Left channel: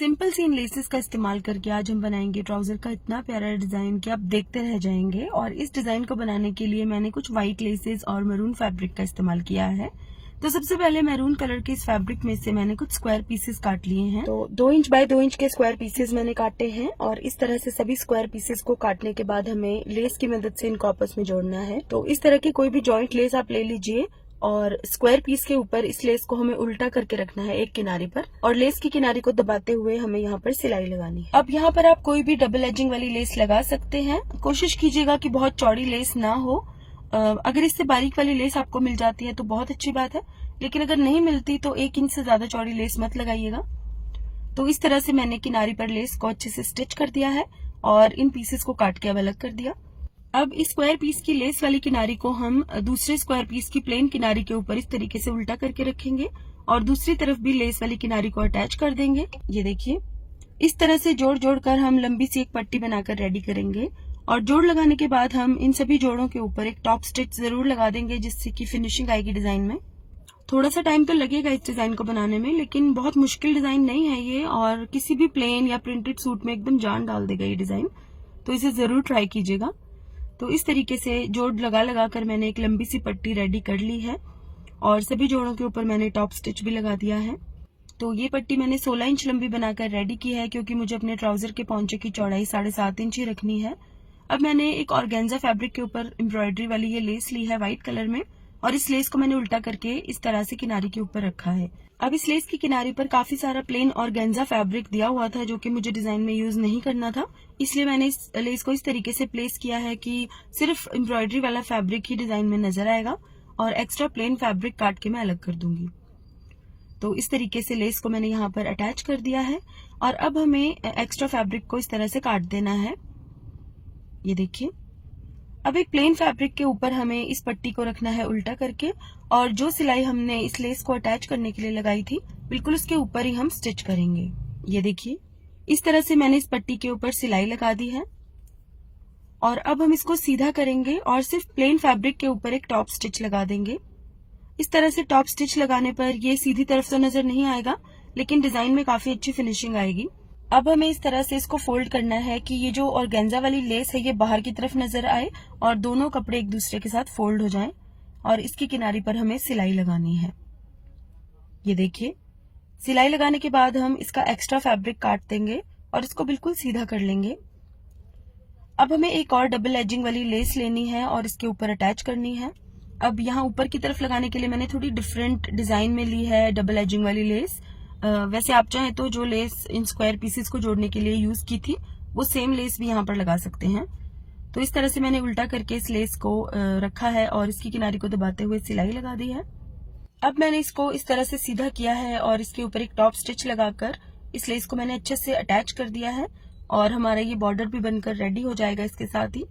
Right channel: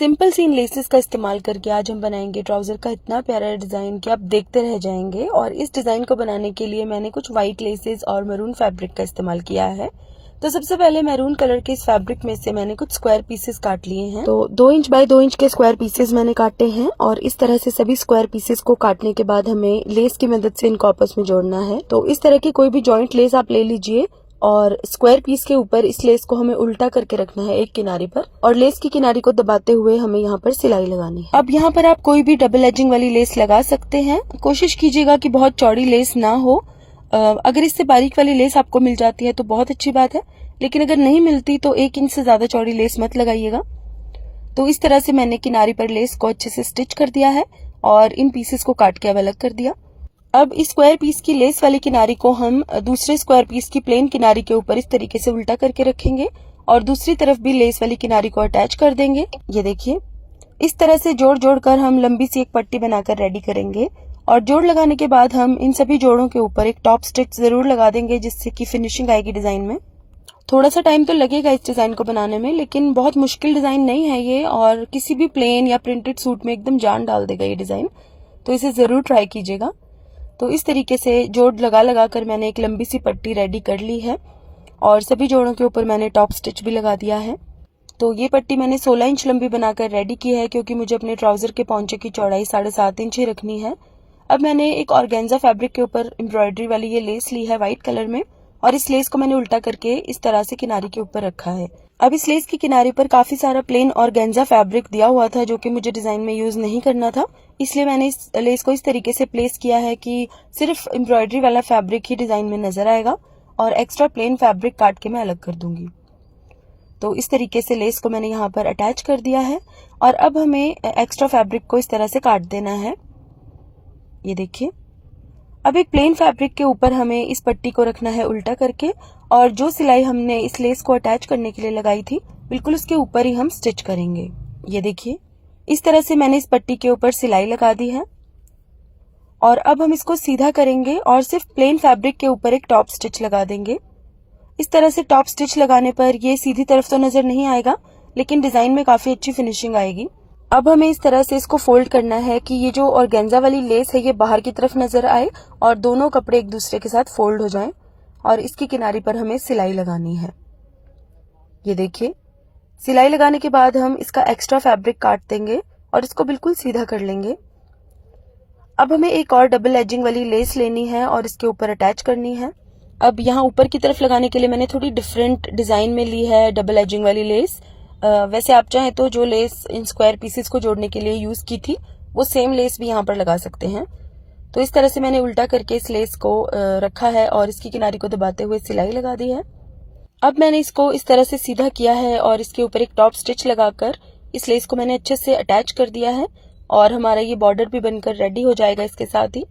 Simple सी इन laces का इस्तेमाल करके आज हम बनाएंगे ट्राउजर का इतना प्यारा डिजाइन कि आप देखते रह जाएंगे। और इस डिजाइन को बनाने के लिए मैंने कुछ व्हाइट लेसेस और मैरून फैब्रिक का इस्तेमाल किया है। तो सबसे पहले मैरून कलर के इस फैब्रिक में से मैंने कुछ स्क्वायर पीसेस काट लिए हैं। तो 2 इंच बाय 2 इंच के स्क्वायर पीसेस मैंने काटे हैं और इस तरह से सभी स्क्वायर पीसेस को काटने के बाद हमें लेस की मदद से इनको आपस में जोड़ना है। तो इस तरह की कोई भी जॉइंट लेस आप ले लीजिए और स्क्वायर पीस के ऊपर इस लेस को हमें उल्टा करके रखना है एक किनारे पर, और लेस की किनारे को दबाते हुए हमें यहाँ पर सिलाई लगानी है। अब यहाँ पर आप कोई भी डबल एजिंग वाली लेस लगा सकते हैं। कोशिश कीजिएगा कि बहुत चौड़ी लेस ना हो। अगर इससे बारीक वाली लेस आपको मिल जाती है तो बहुत अच्छी बात है, लेकिन अगर नहीं मिलती तो 1 इंच से ज्यादा चौड़ी लेस मत लगाइएगा। तो इस तरह से मैंने किनारे पर लेस को अच्छे से स्टिच कर दिया है और इन पीसेस को काट के अब अलग कर दिया। अब इस स्क्वायर पीस की लेस वाली किनारी को हम दूसरे स्क्वायर पीस की प्लेन किनारी के ऊपर इस तरीके से उल्टा करके रखेंगे और दूसरी तरफ भी लेस वाली किनारी को अटैच कर देंगे। ये देखिए, इस तरह से जोड़ जोड़ कर हम लंबी सी एक पट्टी बनाकर रेडी करेंगे। और जोड़ लगाने के बाद हम इन सभी जोड़ों के ऊपर एक टॉप स्टिच जरूर लगा देंगे, जिससे कि फिनिशिंग आएगी डिजाइन में। थोड़ा सा टाइम तो लगेगा इस डिजाइन को बनाने में, लेकिन बहुत मुश्किल डिजाइन नहीं है ये, और किसी भी प्लेन या प्रिंटेड सूट में एकदम जान डाल देगा ये डिजाइन। तो इसे जरूर ट्राई कीजिएगा। तो इस तरीके से जोड़ लगा लगा कर मैंने एक लंबी सी पट्टी रेडी कर ली है और सभी जोड़ों के ऊपर मैंने टॉप स्टिच भी लगा दिया है। तो ये पट्टी मैंने 16 इंच लंबी बनाकर रेडी की है, क्योंकि मुझे अपने ट्राउजर के पौंचे की चौड़ाई 7.5 इंच ही रखनी है। अब मैंने एक ऑर्गेन्जा फैब्रिक के ऊपर एम्ब्रॉयडरी वाली ये लेस ली है व्हाइट कलर में, और इस लेस को मैंने उल्टा करके इस तरह से किनारे के ऊपर रखा है। अब इस लेस की किनारे पर काफी सारा प्लेन ऑर्गेन्जा फैब्रिक दिया हुआ था, जो कि मुझे डिजाइन में यूज नहीं करना था, इसलिए मैंने इस लेस को इस तरीके से प्लेस किया है कि सिर्फ एम्ब्रॉयडरी वाला फैब्रिक ही डिजाइन में नजर आएगा और एक्स्ट्रा प्लेन फैब्रिक काट के मैं अलग कर दूंगी। तो इस तरीके से लेस को मैंने यहाँ पर अटैच कर दिया है और अब हमें एक्स्ट्रा फैब्रिक को इस तरह से काट देना है। ये देखिए, अब एक प्लेन फैब्रिक के ऊपर हमें इस पट्टी को रखना है उल्टा करके, और जो सिलाई हमने इस लेस को अटैच करने के लिए लगाई थी बिल्कुल उसके ऊपर ही हम स्टिच करेंगे। ये देखिए, इस तरह से मैंने इस पट्टी के ऊपर सिलाई लगा दी है और अब हम इसको सीधा करेंगे और सिर्फ प्लेन फैब्रिक के ऊपर एक टॉप स्टिच लगा देंगे। इस तरह से टॉप स्टिच लगाने पर ये सीधी तरफ तो नजर नहीं आएगा, लेकिन डिजाइन में काफी अच्छी फिनिशिंग आएगी। अब हमें इस तरह से इसको फोल्ड करना है कि ये जो ऑर्गेन्जा वाली लेस है ये बाहर की तरफ नजर आए और दोनों कपड़े एक दूसरे के साथ फोल्ड हो जाएं, और इसकी किनारी पर हमें सिलाई लगानी है। ये देखिए, सिलाई लगाने के बाद हम इसका एक्स्ट्रा फैब्रिक काट देंगे और इसको बिल्कुल सीधा कर लेंगे। अब हमें एक और डबल एजिंग वाली लेस लेनी है और इसके ऊपर अटैच करनी है। अब यहाँ ऊपर की तरफ लगाने के लिए मैंने थोड़ी डिफरेंट डिजाइन में ली है डबल एजिंग वाली लेस। वैसे आप चाहें तो जो लेस इन स्क्वायर पीसेस को जोड़ने के लिए यूज की थी वो सेम लेस भी यहाँ पर लगा सकते हैं। तो इस तरह से मैंने उल्टा करके इस लेस को रखा है और इसकी किनारी को दबाते हुए सिलाई लगा दी है। अब मैंने इसको इस तरह से सीधा किया है और इसके ऊपर एक टॉप स्टिच लगाकर इस लेस को मैंने अच्छे से अटैच कर दिया है और हमारा ये बॉर्डर भी बनकर रेडी हो जाएगा इसके साथ ही।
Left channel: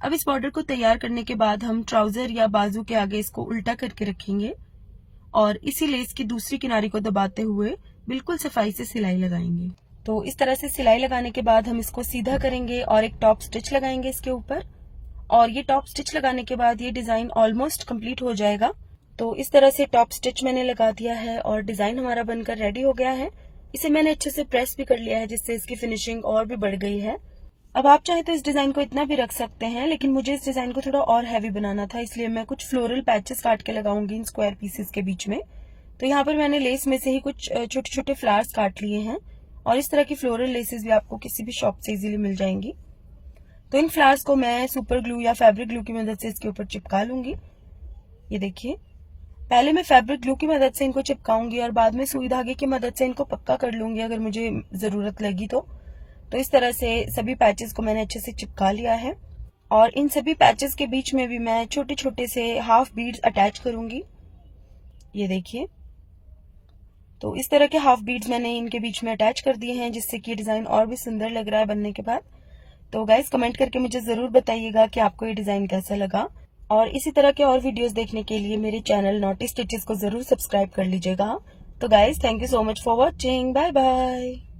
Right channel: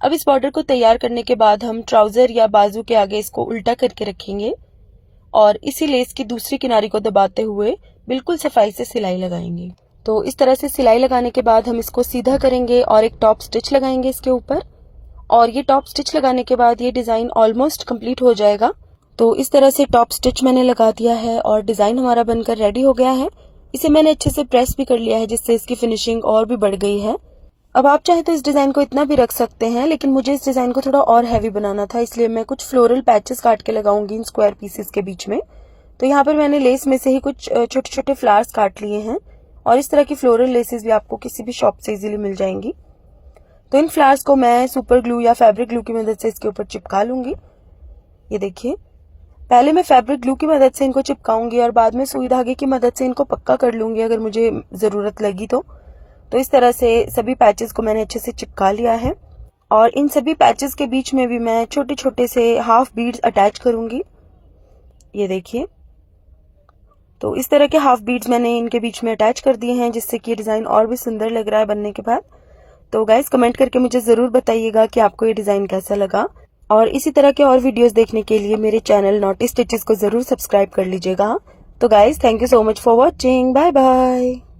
अब इस बॉर्डर को तैयार करने के बाद हम ट्राउजर या बाजू के आगे इसको उल्टा करके रखेंगे और इसी लेस की दूसरी किनारी को दबाते हुए बिल्कुल सफाई से सिलाई लगाएंगे। तो इस तरह से सिलाई लगाने के बाद हम इसको सीधा करेंगे और एक टॉप स्टिच लगाएंगे इसके ऊपर, और ये टॉप स्टिच लगाने के बाद ये डिजाइन ऑलमोस्ट कंप्लीट हो जाएगा। तो इस तरह से टॉप स्टिच मैंने लगा दिया है और डिजाइन हमारा बनकर रेडी हो गया है। इसे मैंने अच्छे से प्रेस भी कर लिया है, जिससे इसकी फिनिशिंग और भी बढ़ गई है। अब आप चाहे तो इस डिजाइन को इतना भी रख सकते हैं, लेकिन मुझे इस डिजाइन को थोड़ा और हैवी बनाना था, इसलिए मैं कुछ फ्लोरल पैचेस काट के लगाऊंगी इन स्क्वायर पीसेस के बीच में। तो यहाँ पर मैंने लेस में से ही कुछ छोटे छोटे फ्लावर्स काट लिए हैं और इस तरह की फ्लोरल लेसेस भी आपको किसी भी शॉप से इजीली मिल जाएंगी। तो इन फ्लावर्स को मैं सुपर ग्लू या फैब्रिक ग्लू की मदद से इसके ऊपर चिपका लूंगी। ये देखिए, पहले मैं फैब्रिक ग्लू की मदद से इनको चिपकाऊंगी और बाद में सुई धागे की मदद से इनको पक्का कर लूंगी अगर मुझे जरूरत लगी तो। इस तरह से सभी पैचेस को मैंने अच्छे से चिपका लिया है और इन सभी पैचेस के बीच में भी मैं छोटे छोटे से हाफ बीड्स अटैच करूंगी। ये देखिए, तो इस तरह के हाफ बीड्स मैंने इनके बीच में अटैच कर दिए हैं, जिससे कि डिजाइन और भी सुंदर लग रहा है बनने के बाद। तो गाइस, कमेंट करके मुझे जरूर बताइएगा कि आपको ये डिजाइन कैसा लगा, और इसी तरह के और वीडियोस देखने के लिए मेरे चैनल नॉटी स्टिचेस को जरूर सब्सक्राइब कर लीजिएगा। तो guys, thank you so much for watching. Bye bye.